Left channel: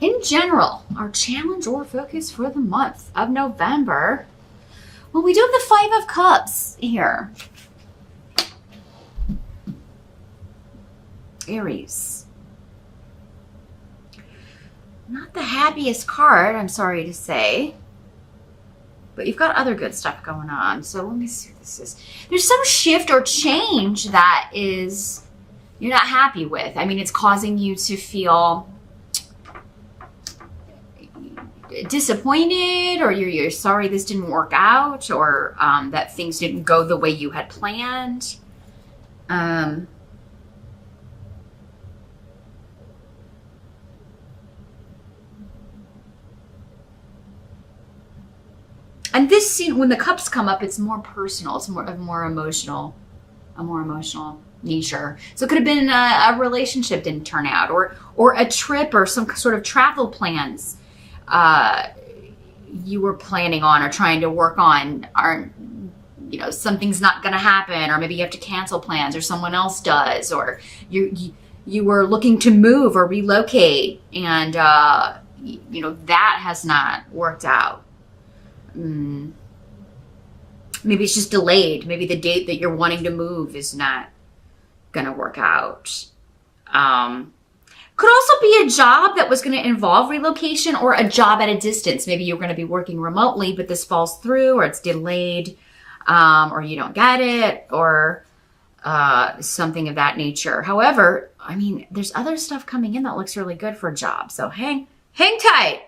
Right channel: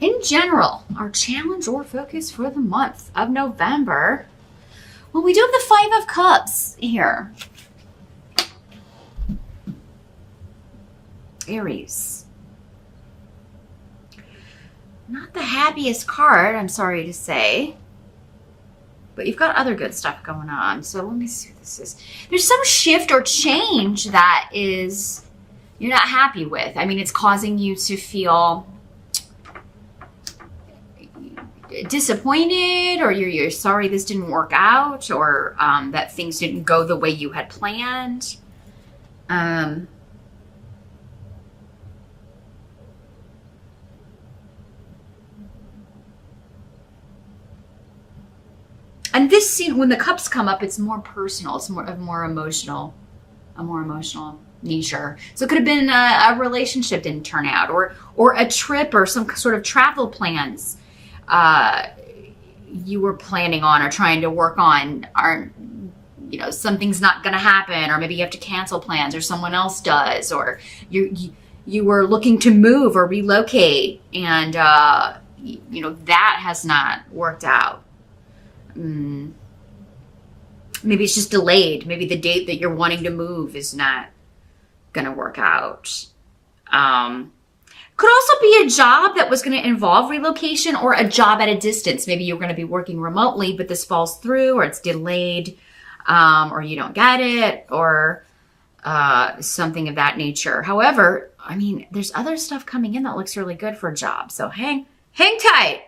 in general, our challenge or focus for the month of November. Well, we do have the Five of Cups here. Aries. Not the happiest card, I'm sorry to say. But you've got other good stuff going on. So let me see what this is. There's some shift or change that is you're not happy with. I mean, it's causing you to feel disappointed, or you're sorry this didn't work out, or that things didn't go the way you had planned. And this scene, when the cups come up, it's more personal. It's a more emotional nature. So it could have been a relationship didn't turn out, or a trip, or some sort of travel plans you were planning on or trying to work on are, something's not going to happen, or maybe you have to cancel plans, or someone else does, or you were looking to move or relocate, and that has not worked out. Maybe it's just delayed. Maybe the date that you're wanting to move is not going to work out. Could also be a job that was going to involve relocation, or a job at a distance. Maybe you're going to be working remotely, but this falls through, or it's delayed, or you don't get it, or something of that nature. However, I mean, there's other stuff coming in that looks really good for a job. So hang tight.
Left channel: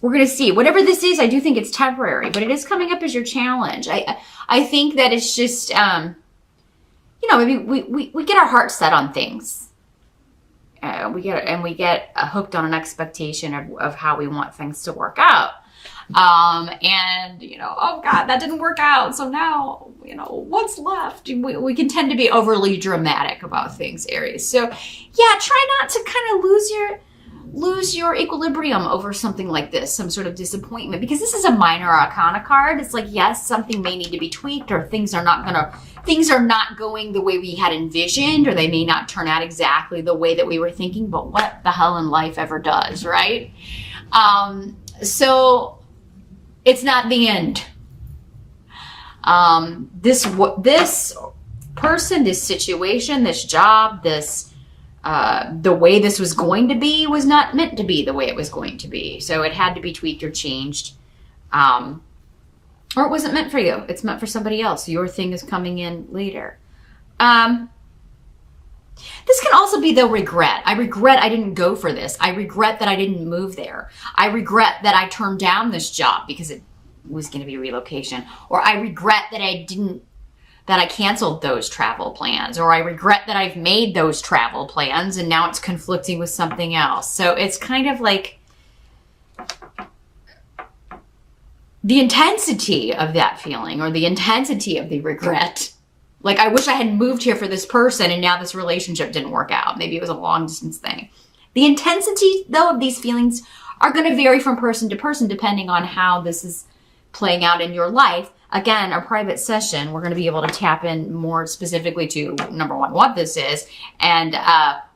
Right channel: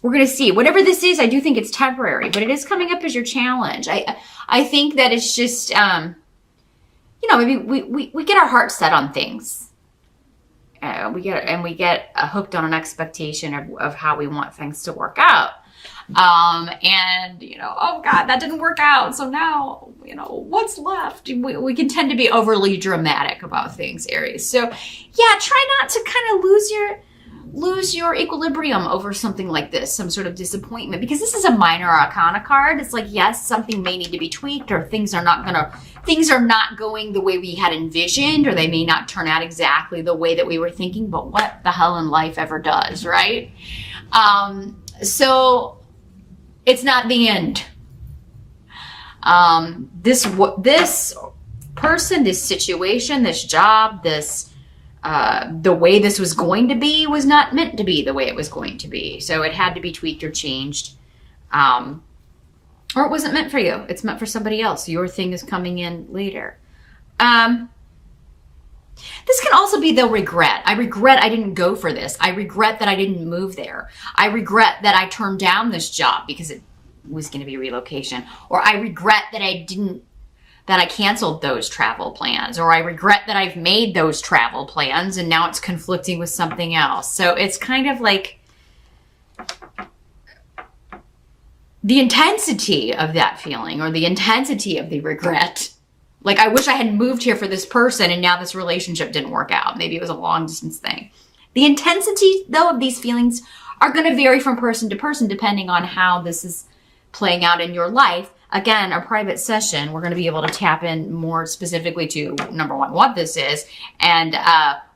We're going to see. Whatever this is, I do think it's temporary, but it is coming up as your challenge. I think that it's just, maybe we get our heart set on things. We get hooked on an expectation of how we want things to work out. Oh God, that didn't work out. So now, what's left? We can tend to be overly dramatic about things, Aries. So yeah, try not to kind of lose your equilibrium over something like this, some sort of disappointment, because this is a minor arcana card. It's like, yes, something may need to be tweaked, or things are not going the way we had envisioned, or they may not turn out exactly the way that we were thinking, but what the hell in life ever does, right? So it's not the end. This person, this situation, this job, the way this was going to be was not meant to be the way it was going to be. So it had to be tweaked or changed. Or it wasn't meant for you. It's meant for somebody else. Your thing is coming in later. This can also be the regret. I regret I didn't go for this. I regret that I didn't move there. I regret that I turned down this job because it was going to be relocation. Or I regret that I canceled those travel plans, or I regret that I've made those travel plans and now it's conflicting with something else. So it's kind of like the intensity of that feeling, or the intensity of the regret. Like, I wish I had moved here for this person and now this relationship didn't work out. Maybe it was a long distance thing. The intensity, though, of these feelings are going to vary from person to person depending on how this is playing out in your life. Again, a private session, we're going to be able to tap in more specifically to, number one, what this is, and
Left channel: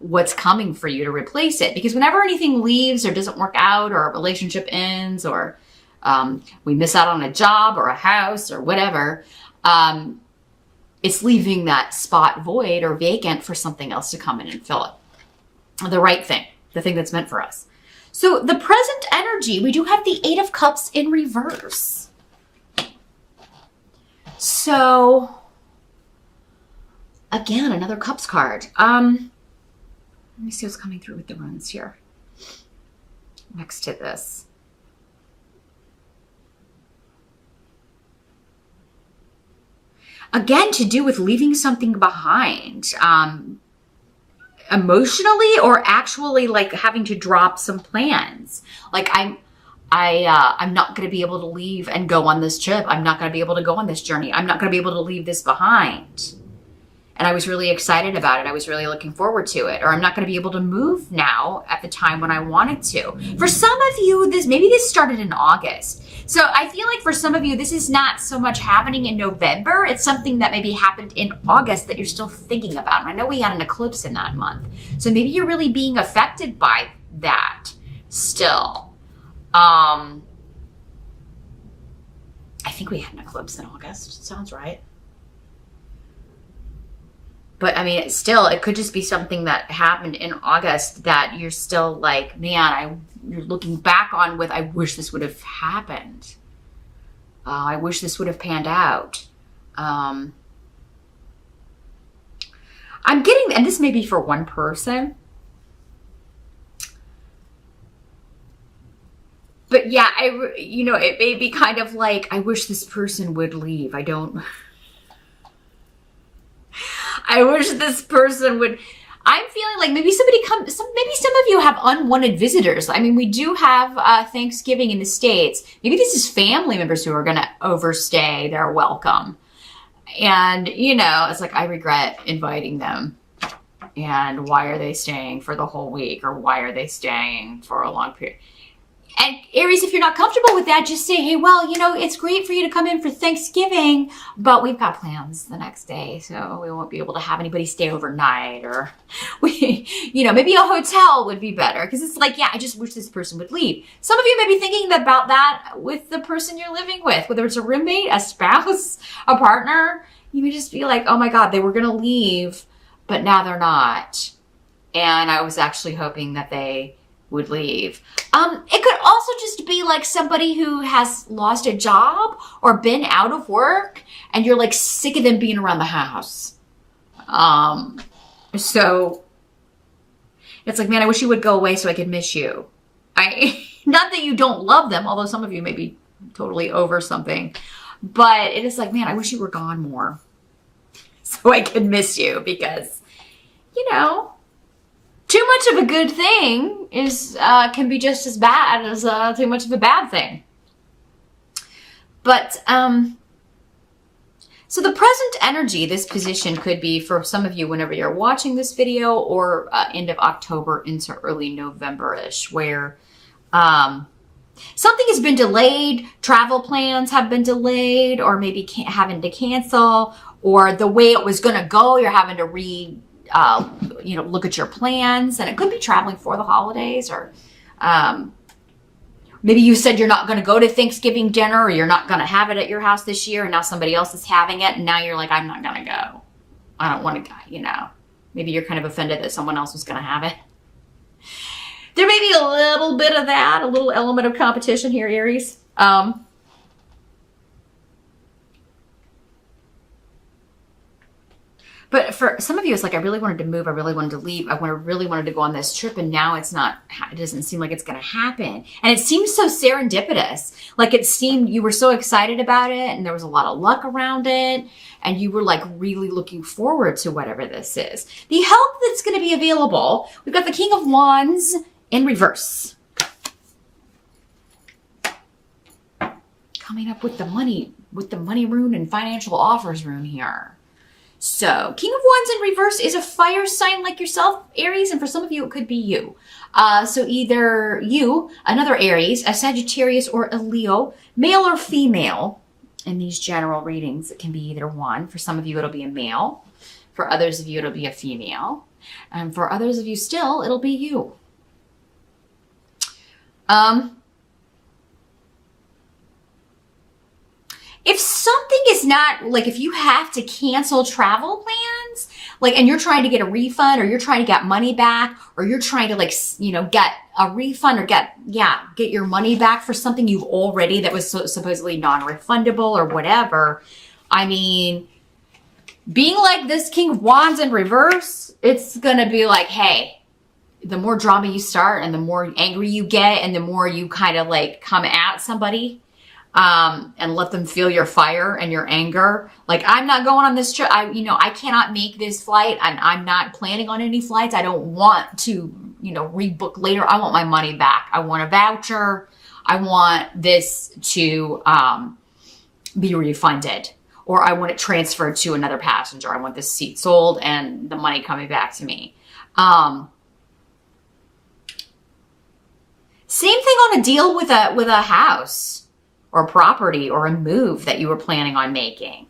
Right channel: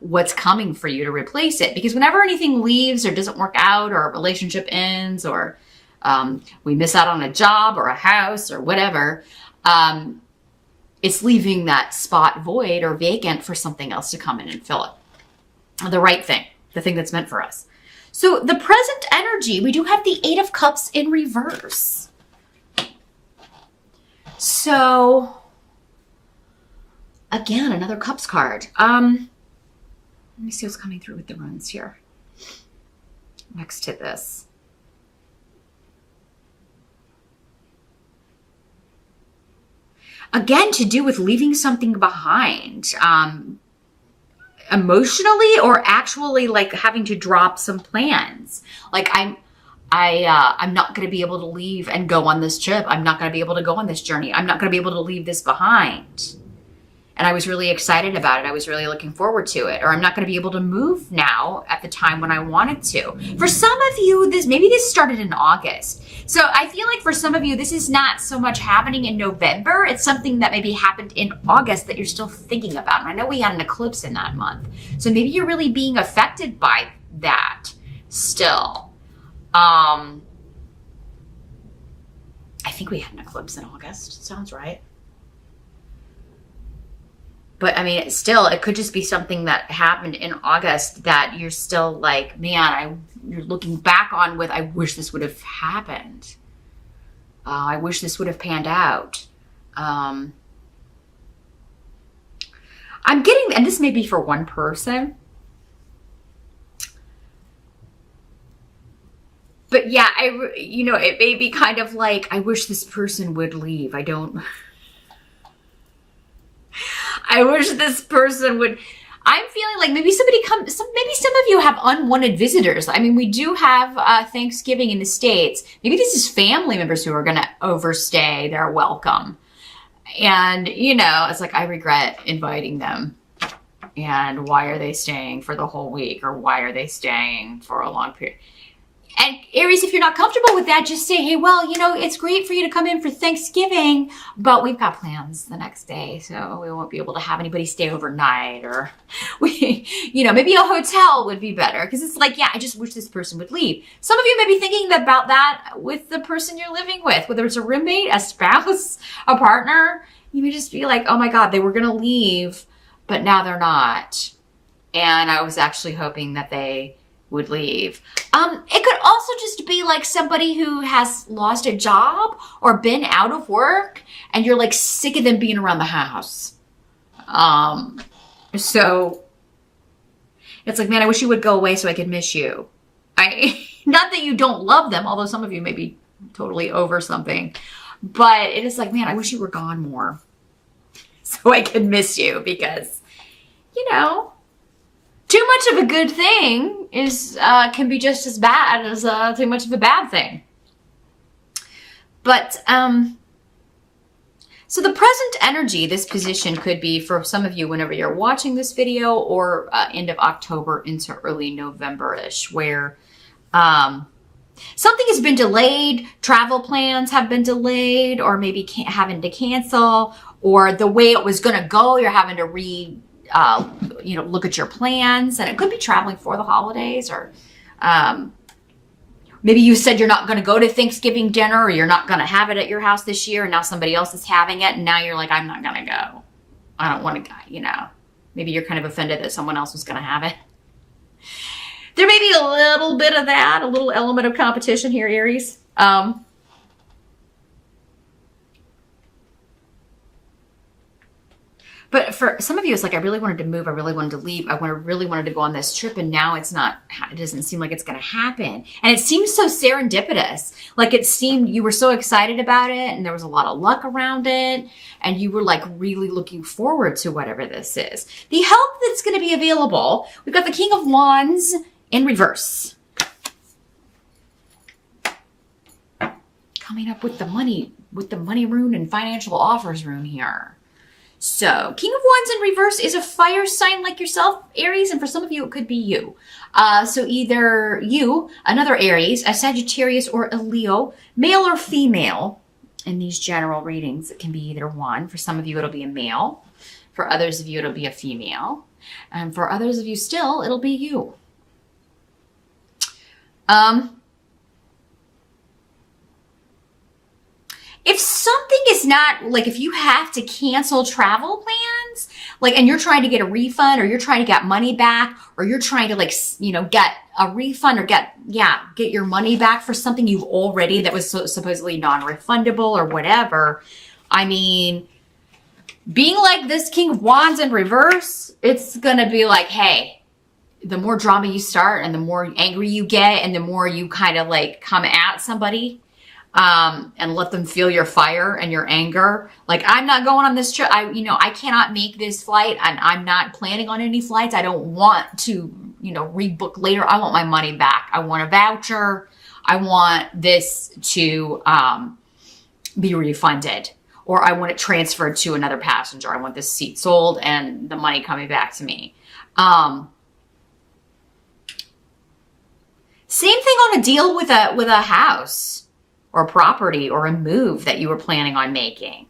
what's coming for you to replace it. Because whenever anything leaves or doesn't work out, or a relationship ends, or we miss out on a job or a house or whatever, it's leaving that spot void or vacant for something else to come in and fill it. The right thing, the thing that's meant for us. So the present energy, we do have the Eight of Cups in reverse. So, again, another Cups card. Let me see what's coming through with the runes here. Next to this. Again, to do with leaving something behind. Emotionally, or actually like having to drop some plans. Like I'm not going to be able to leave and go on this trip. I'm not going to be able to go on this journey. I'm not going to be able to leave this behind. And I was really excited about it. I was really looking forward to it. Or I'm not going to be able to move now at the time when I wanted to. For some of you, maybe this started in August. So I feel like for some of you, this is not so much happening in November. It's something that maybe happened in August that you're still thinking about. And I know we had an eclipse in that month. So maybe you're really being affected by that. still. I think we had an eclipse in August. Sounds right. But I mean, still, it could just be something that happened in August that you're still like, man, you're looking back on with, I wish this would have happened. I wish this would have panned out. I'm getting, and this may be for one person. But yeah, it may be kind of like, I wish this person would leave. I wish this person would. I'm feeling like maybe maybe some of you have unwanted visitors. I mean, we do have Thanksgiving in the States. Maybe this is family members who are going to overstay their welcome. And, it's like, I regret inviting them. And why are they staying for the whole week? Or why are they staying for a long period? And Aries, if you're not comfortable with that, just say, hey, well, it's great for you to come in for Thanksgiving, but we've got plans the next day, so we won't be able to have anybody stay overnight, or maybe a hotel would be better, because it's like, yeah, I just wish this person would leave. Some of you may be thinking about that with the person you're living with, whether it's a roommate, a spouse, a partner. You may just be like, oh my God, they were going to leave, but now they're not. And I was actually hoping that they would leave. It could also just be like somebody who has lost a job or been out of work and you're like sick of them being around the house. So it's like, man, I wish you would go away so I could miss you. Not that you don't love them, although some of you may be totally over something, but it is like, man, I wish you were gone more so I could miss you, because, too much of a good thing can be just as bad as too much of a bad thing. But so the present energy, this position could be for some of you whenever you're watching this video, or end of October into early November-ish, where something has been delayed, travel plans have been delayed, or maybe having to cancel, or the way it was going to go, you're having to look at your plans, and it could be traveling for the holidays, or maybe you said you're not going to go to Thanksgiving dinner, or you're not going to have it at your house this year, and now somebody else is having it, and now you're like, I'm not going to go. I don't want to go, Maybe you're kind of offended that someone else was going to have it. There may be a little bit of that, a little element of competition here, Aries. But for some of you, it's like, I really wanted to move. I really wanted to leave. I really wanted to go on this trip. And now it doesn't seem like it's going to happen. And it seems so serendipitous. Like it seemed you were so excited about it, and there was a lot of luck around it. And you were like really looking forward to whatever this is. The help that's going to be available. We've got the King of Wands in reverse. Coming up with the money rune and financial offers rune here. So, King of Wands in reverse is a fire sign like yourself, Aries, and for some of you, it could be you. So either you, another Aries, a Sagittarius, or a Leo, male or female. In these general readings, it can be either one. For some of you, it'll be a male. For others of you, it'll be a female. And for others of you still, it'll be you. If something is not, like if you have to cancel travel plans, like, and you're trying to get a refund, or you're trying to get money back, or you're trying to get a refund, or get your money back for something you already, that was supposedly non-refundable or whatever. I mean, being like this King of Wands in reverse, it's going to be like, hey, the more drama you start and the more angry you get and the more you kind of like come at somebody, and let them feel your fire and your anger. Like, I'm not going on this trip. I cannot make this flight. I'm not planning on any flights. I don't want to, rebook later. I want my money back. I want a voucher. I want this to be refunded, or I want it transferred to another passenger. I want this seat sold and the money coming back to me. Same thing on a deal with a house or property or a move that you were planning on making.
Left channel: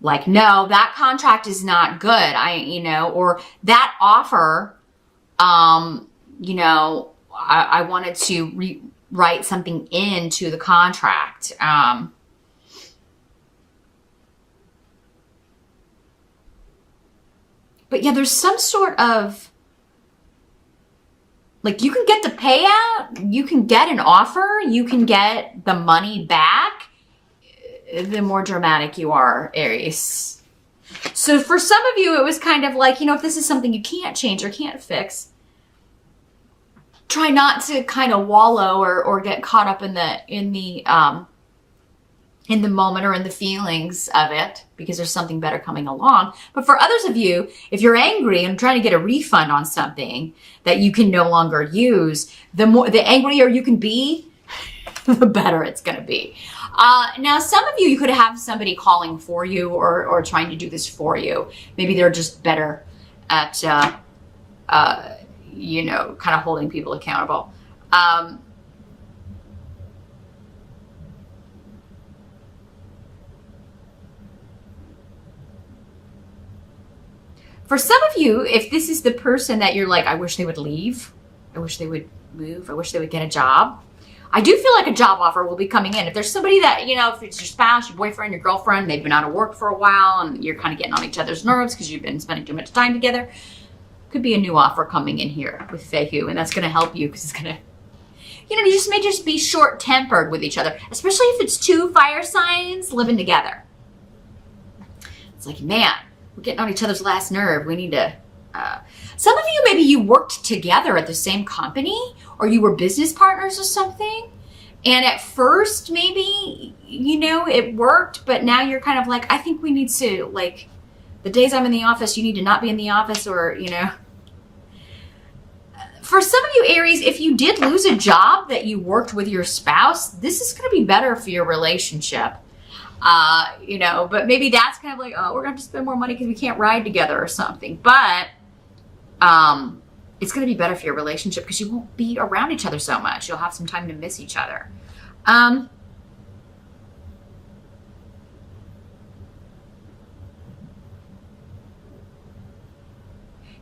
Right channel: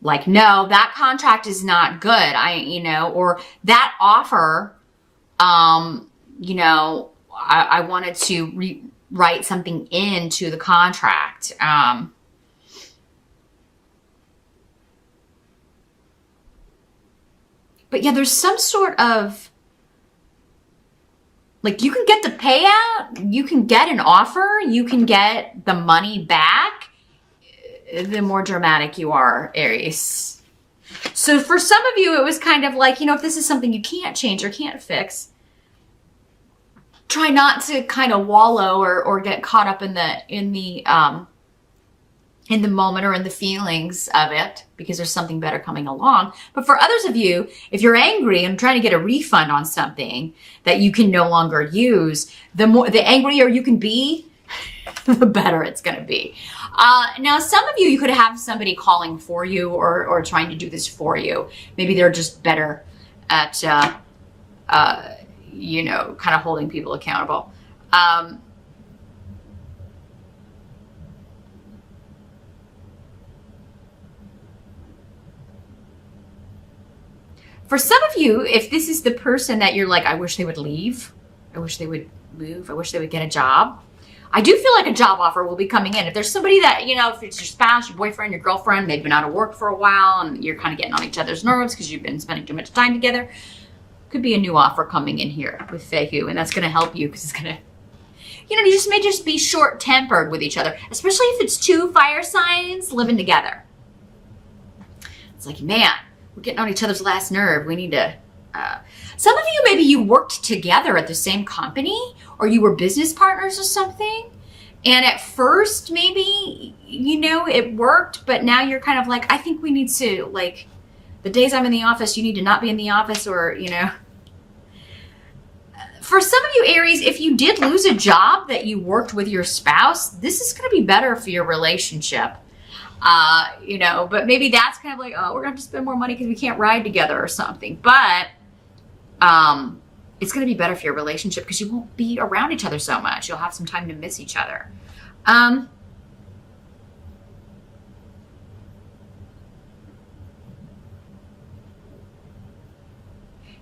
Like, no, that contract is not good. Or that offer, I wanted to write something into the contract. But yeah, there's some sort of, like, you can get the payout, you can get an offer, you can get the money back, the more dramatic you are, Aries. So for some of you, it was kind of like, if this is something you can't change or can't fix, try not to kind of wallow or get caught up in the moment or in the feelings of it, because there's something better coming along. But for others of you, if you're angry and trying to get a refund on something that you can no longer use, the angrier you can be, the better it's going to be. Now, some of you could have somebody calling for you or trying to do this for you. Maybe they're just better at, kind of holding people accountable. For some of you, if this is the person that you're like, I wish they would leave, I wish they would move, I wish they would get a job, I do feel like a job offer will be coming in. If there's somebody that, if it's your spouse, your boyfriend, your girlfriend, they've been out of work for a while and you're kind of getting on each other's nerves because you've been spending too much time together, could be a new offer coming in here with Fehu, and that's going to help you because it's going to, you just may just be short-tempered with each other, especially if it's two fire signs living together. It's like, man, we're getting on each other's last nerve. We need to, some of you, maybe you worked together at the same company or you were business partners or something. And at first, maybe, it worked, but now you're kind of like, I think we need to, like, the days I'm in the office, you need to not be in the office, or, For some of you, Aries, if you did lose a job that you worked with your spouse, this is going to be better for your relationship. But maybe that's kind of like, oh, we're gonna have to spend more money because we can't ride together or something. But it's gonna be better for your relationship because you won't be around each other so much. You'll have some time to miss each other.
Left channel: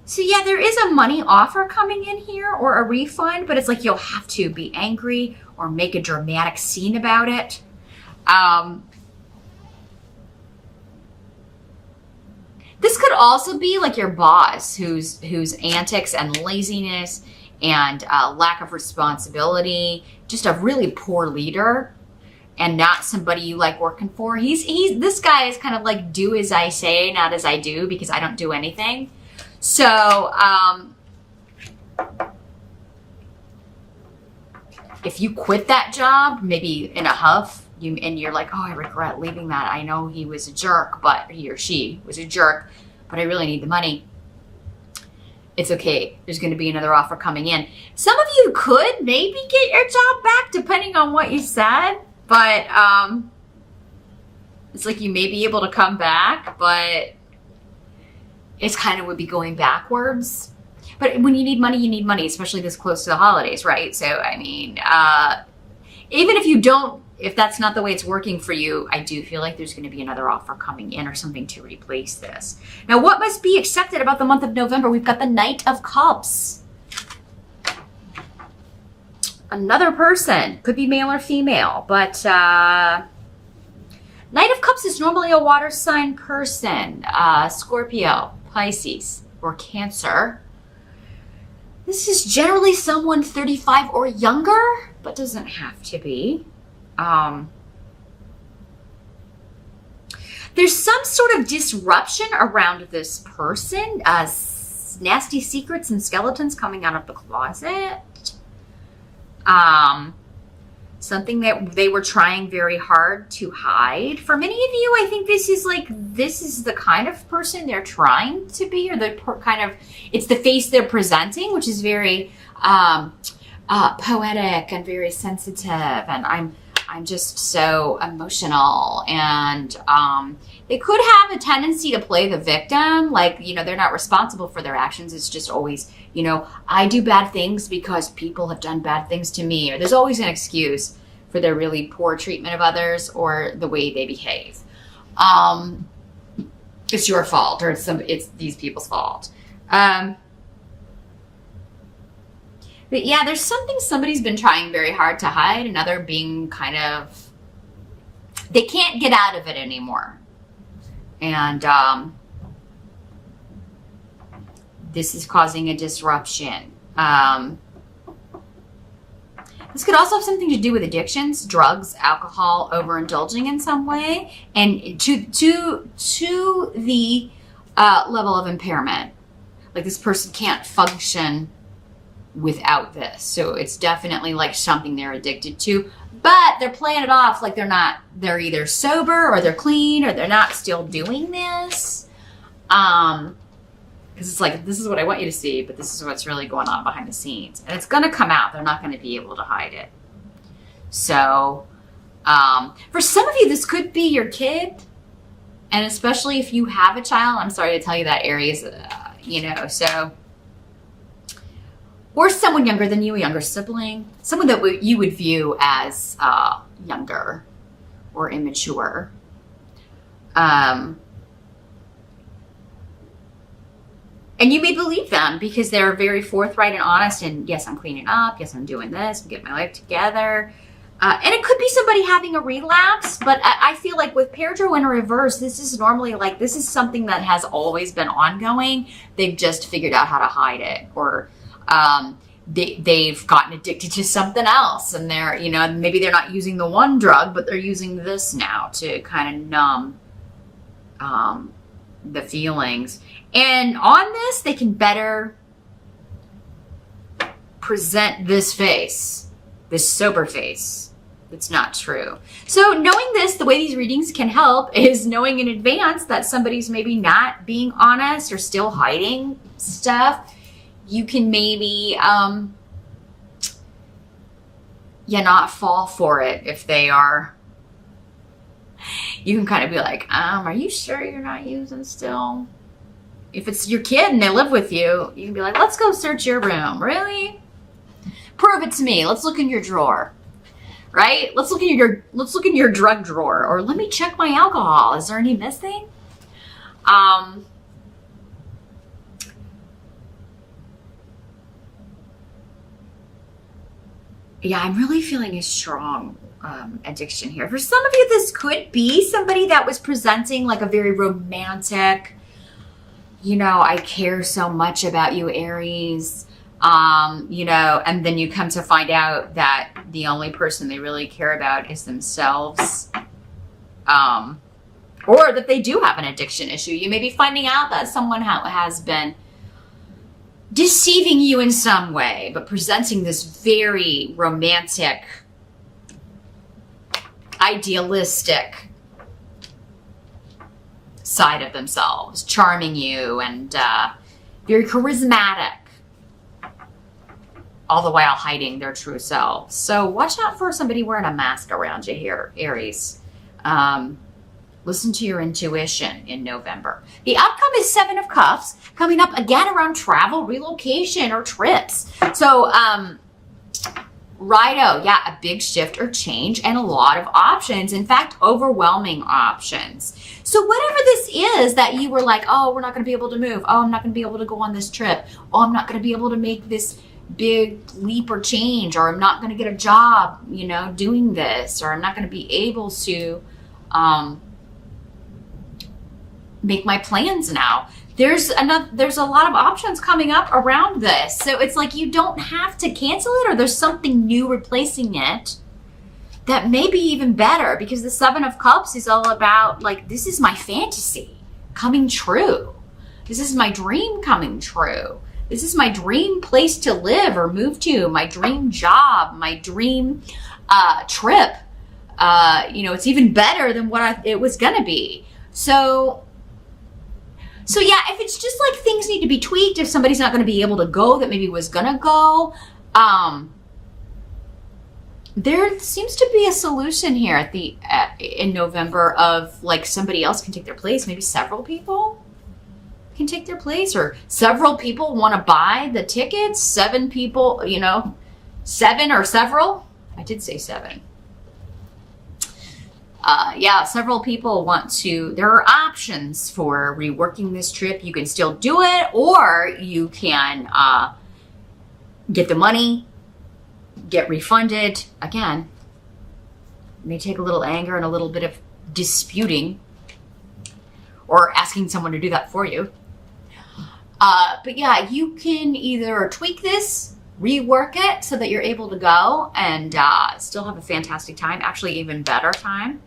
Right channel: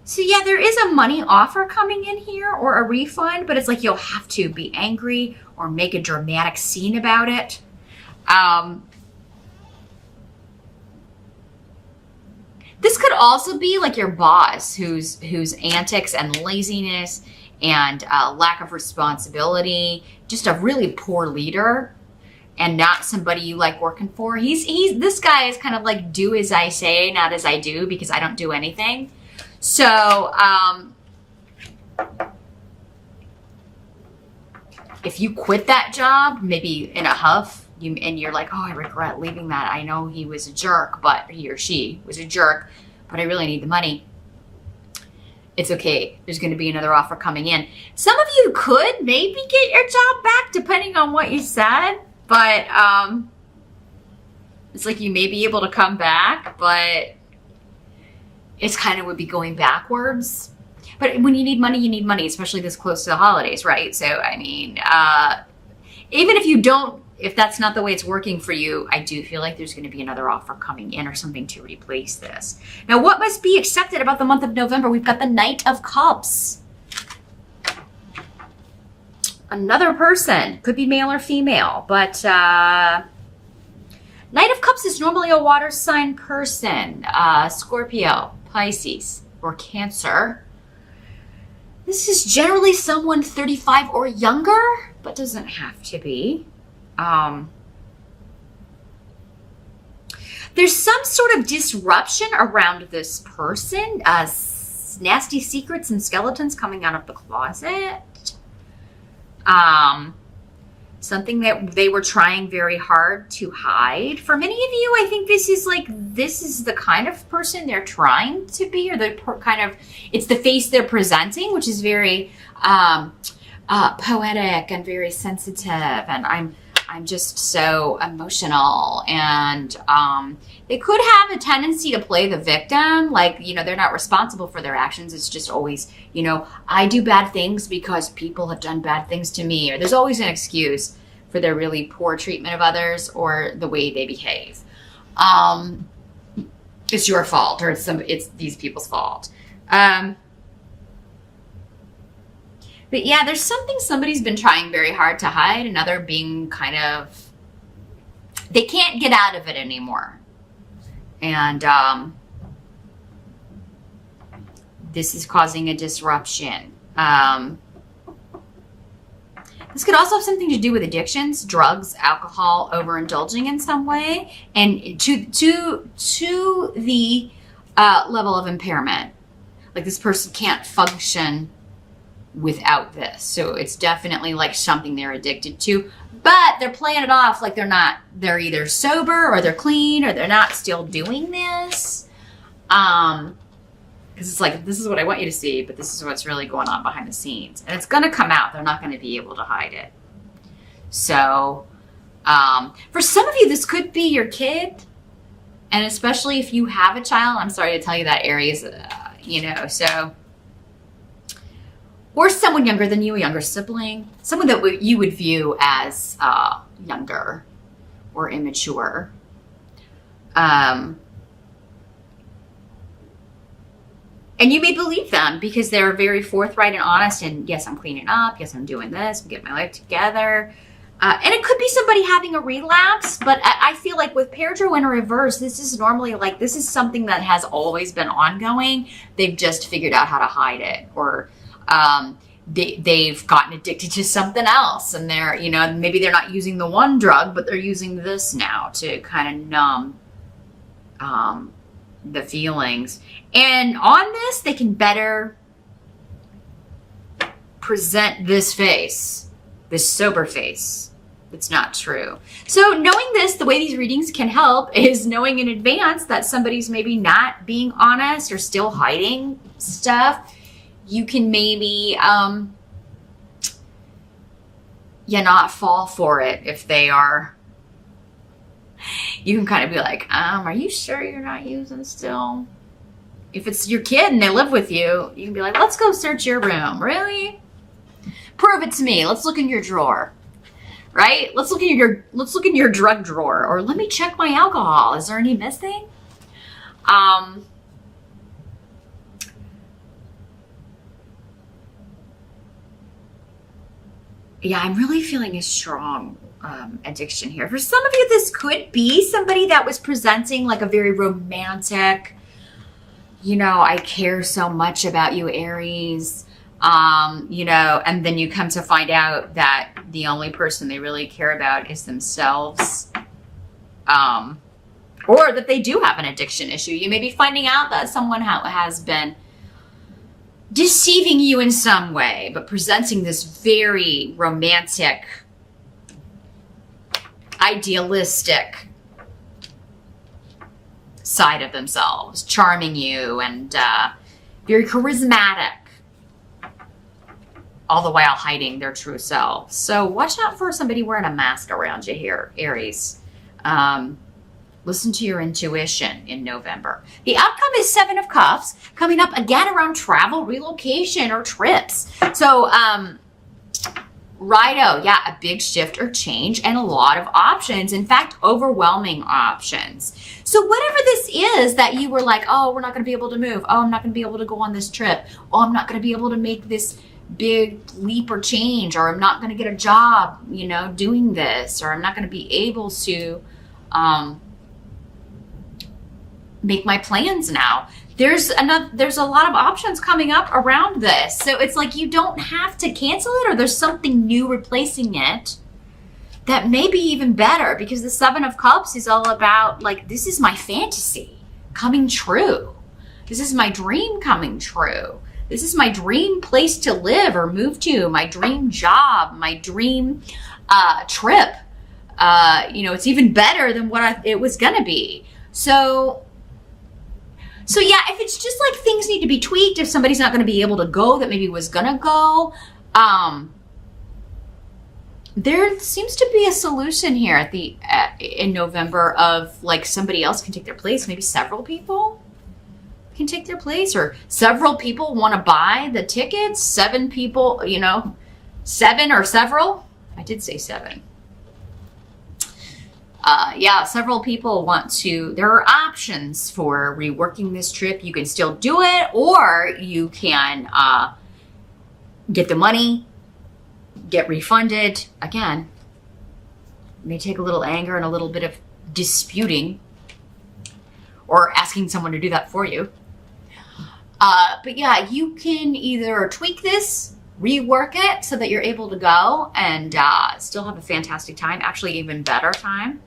So yeah, there is a money offer coming in here or a refund, but it's like you'll have to be angry or make a dramatic scene about it. This could also be like your boss whose antics and laziness and lack of responsibility, just a really poor leader and not somebody you like working for. This guy is kind of like, do as I say, not as I do, because I don't do anything. So, if you quit that job, maybe in a huff, and you're like, oh, I regret leaving that. I know he was a jerk, but he or she was a jerk, but I really need the money. It's okay. There's going to be another offer coming in. Some of you could maybe get your job back depending on what you said, but it's like you may be able to come back, but it's kind of would be going backwards. But when you need money, especially this close to the holidays, right? So, I mean, even if that's not the way it's working for you, I do feel like there's going to be another offer coming in or something to replace this. Now, what must be accepted about the month of November? We've got the Knight of Cups. Another person, could be male or female, but Knight of Cups is normally a water sign person, Scorpio, Pisces, or Cancer. This is generally someone 35 or younger, but doesn't have to be. There's some sort of disruption around this person, nasty secrets and skeletons coming out of the closet. Something that they were trying very hard to hide. For many of you, I think this is the kind of person they're trying to be, or it's the face they're presenting, which is very poetic and very sensitive, and I'm just so emotional, and they could have a tendency to play the victim, like, they're not responsible for their actions. It's just always, I do bad things because people have done bad things to me, or there's always an excuse for their really poor treatment of others or the way they behave. It's your fault, or it's these people's fault. But yeah, there's something somebody's been trying very hard to hide, another being kind of, they can't get out of it anymore. And this is causing a disruption. This could also have something to do with addictions, drugs, alcohol, overindulging in some way, and to the level of impairment. Like this person can't function without this. So it's definitely like something they're addicted to, but they're playing it off like they're either sober or they're clean or they're not still doing this. Because it's like, this is what I want you to see, but this is what's really going on behind the scenes. And it's going to come out. They're not going to be able to hide it. So, for some of you, this could be your kid. And especially if you have a child, I'm sorry to tell you that, Aries, so. Or someone younger than you, a younger sibling. Someone that you would view as younger or immature. And you may believe them because they're very forthright and honest. And yes, I'm cleaning up. Yes, I'm doing this. I'm getting my life together. And it could be somebody having a relapse. But I feel like with Paratrue in reverse, this is normally like, this is something that has always been ongoing. They've just figured out how to hide it. Or they've gotten addicted to something else. And they're, maybe they're not using the one drug, but they're using this now to kind of numb the feelings. And on this, they can better present this face, this sober face. It's not true. So knowing this, the way these readings can help is knowing in advance that somebody's maybe not being honest or still hiding stuff. You can maybe, not fall for it if they are. You can kind of be like, are you sure you're not using still? If it's your kid and they live with you, you can be like, let's go search your room. Really? Prove it to me. Let's look in your drawer. Right? Let's look in your drug drawer. Or let me check my alcohol. Is there any missing? Yeah, I'm really feeling a strong addiction here. For some of you, this could be somebody that was presenting like a very romantic, I care so much about you, Aries, and then you come to find out that the only person they really care about is themselves, or that they do have an addiction issue. You may be finding out that someone has been deceiving you in some way, but presenting this very romantic, idealistic side of themselves, charming you and very charismatic, all the while hiding their true selves. So watch out for somebody wearing a mask around you here, Aries. Listen to your intuition in November. The outcome is 7 of Cups, coming up again around travel, relocation, or trips. So, righto, yeah, a big shift or change and a lot of options. In fact, overwhelming options. So whatever this is that you were like, oh, we're not going to be able to move. Oh, I'm not going to be able to go on this trip. Oh, I'm not going to be able to make this big leap or change, or I'm not going to get a job, doing this, or I'm not going to be able to make my plans now. There's a lot of options coming up around this. So it's like you don't have to cancel it, or there's something new replacing it that may be even better, because the 7 of Cups is all about like, this is my fantasy coming true. This is my dream coming true. This is my dream place to live or move to, my dream job, my dream trip. It's even better than what it was going to be. So yeah, if it's just like things need to be tweaked, if somebody's not going to be able to go that maybe was going to go, there seems to be a solution here in November of like somebody else can take their place. Maybe several people can take their place, or several people want to buy the tickets. 7 people, 7 or several. I did say 7. Several people want to, there are options for reworking this trip. You can still do it, or you can get the money, get refunded. Again, it may take a little anger and a little bit of disputing or asking someone to do that for you. But yeah, you can either tweak this, rework it so that you're able to go and still have a fantastic time, actually even better time,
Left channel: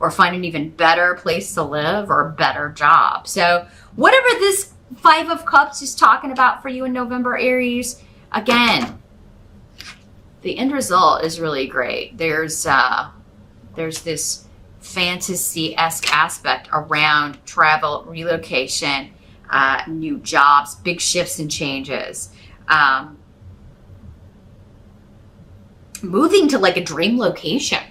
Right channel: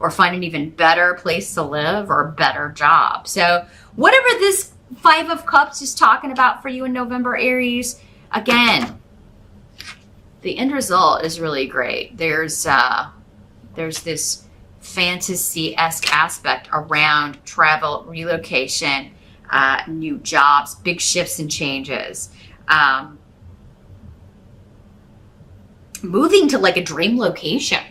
or find an even better place to live or a better job. So whatever this Five of Cups is talking about for you in November, Aries, again, the end result is really great. There's this fantasy-esque aspect around travel, relocation, new jobs, big shifts and changes. Moving to like a dream location,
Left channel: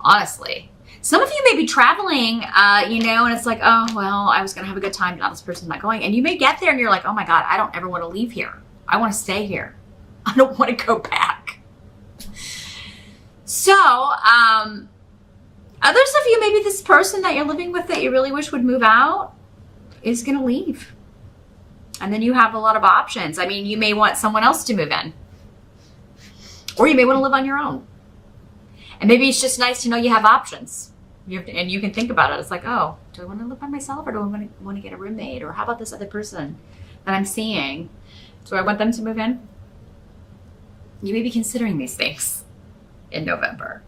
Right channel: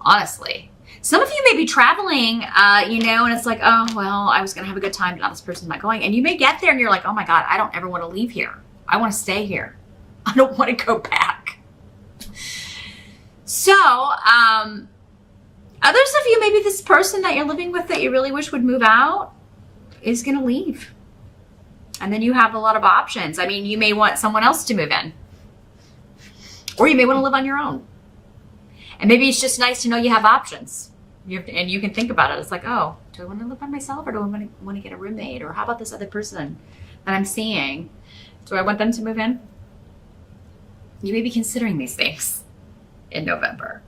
honestly. Some of you may be traveling, and it's like, oh, well, I was going to have a good time, but this person's not going. And you may get there and you're like, oh my God, I don't ever want to leave here. I want to stay here. I don't want to go back. So, others of you, maybe this person that you're living with that you really wish would move out is going to leave. And then you have a lot of options. I mean, you may want someone else to move in. Or you may want to live on your own. And maybe it's just nice to know you have options. And you can think about it. It's like, oh, do I want to live by myself or do I want to get a roommate? Or how about this other person that I'm seeing? Do I want them to move in? You may be considering these things in November.